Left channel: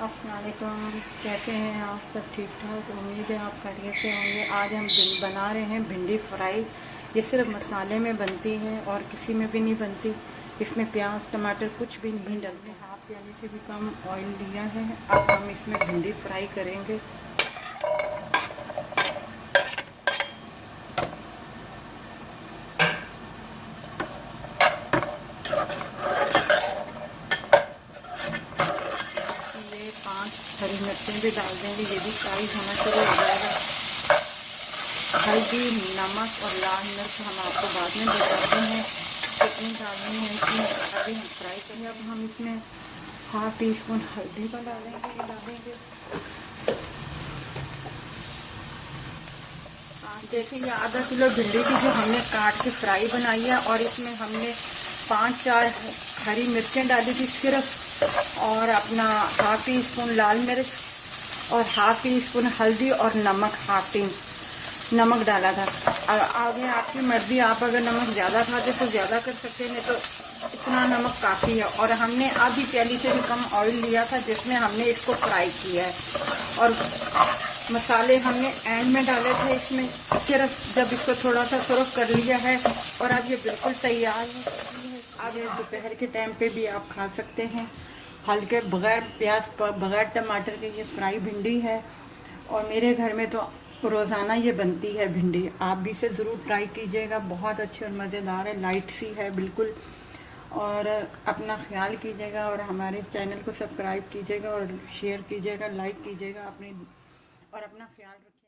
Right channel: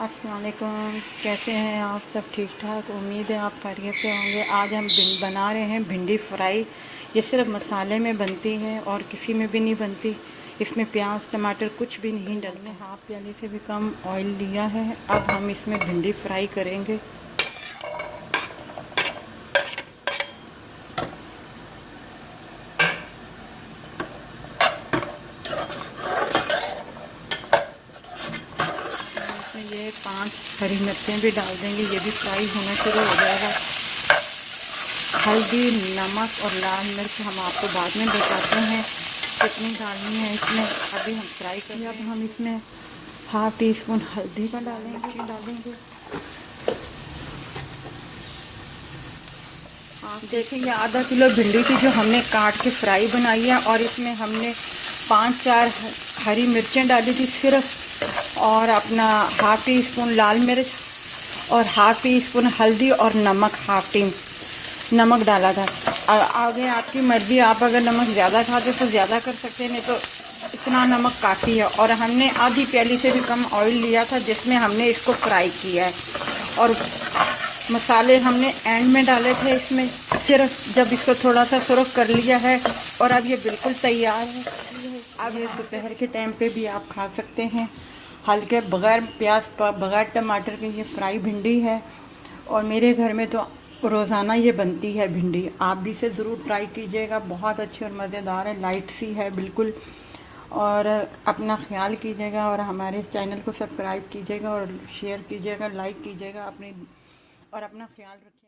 अस्सलाम वालेकुम। कैसे हैं आप? सब ठीक ठाक। उम्मीद है आप खैरियत से होंगे। आज हम बना रहे हैं भिंडी फ्राई। ये सिर्फ मसाले में बनती है और किसी में भी नहीं बनती। इसमें प्याज टमाटर कुछ भी नहीं डलना। हाफ प्याले से भी कम ऑयल लिया है। अब हम इसमें भिंडी फ्राई करेंगे। ये 5 हरी मिर्चें भी डाल देंगे, ये भी फ्राई होना शुरू हो जाएगा। हल्दी, नमक और लाल मिर्च हम आपको बाद में बताते हैं कितनी डालनी है इसमें। अभी हम फ्राई करेंगे। अब हम इसमें हाफ टी स्पून हल्दी का डालेंगे। देखिए ये आधा किलो भिंडी की जो हमने काट के फ्राई बनाई है, और इसमें हमने 5-4 हरी मिर्चें डाली थी सिर्फ, और अपना हाफ टी स्पून लाल मिर्च और हाफ टी स्पून हल्दी और नमक, हाफ टी नमक डाला था। आगे आपकी मर्ज़ी, आप अगर नमक ज़्यादा खाते तो ज़्यादा कर सकते हैं, नहीं तो इतना नमक काफ़ी है। और हमने आधी प्याली से भी कम ऑयल लिया था जिसमें हमने इसको फ्राई किया है। और मसाले हमने एंड में डाले थे इसमें, सिर्फ जब इसको थोड़ा सा सुरख कर लिया है। और अब ये बिल्कुल तैयार है। अब ये दोपहर के टाइम पे भी आप खा सकते हैं। हल्के बग़ैर प्याज बग़ैर टमाटर के ये फ्राई भिंडी है। और मेरे घर में तो रोज़ाना ये बनती है भिंडी। आप भी इसे ज़रूर ट्राई कीजिएगा, बहुत अच्छी और मज़ेदार है, लाइट सी है बिल्कुल। और अपना ख्याल कीजिएगा और हमारे चैनल को सब्सक्राइब कीजिएगा और शेयर कीजिएगा, लाइक कीजिएगा अपने, और अपना ख्याल रखिए।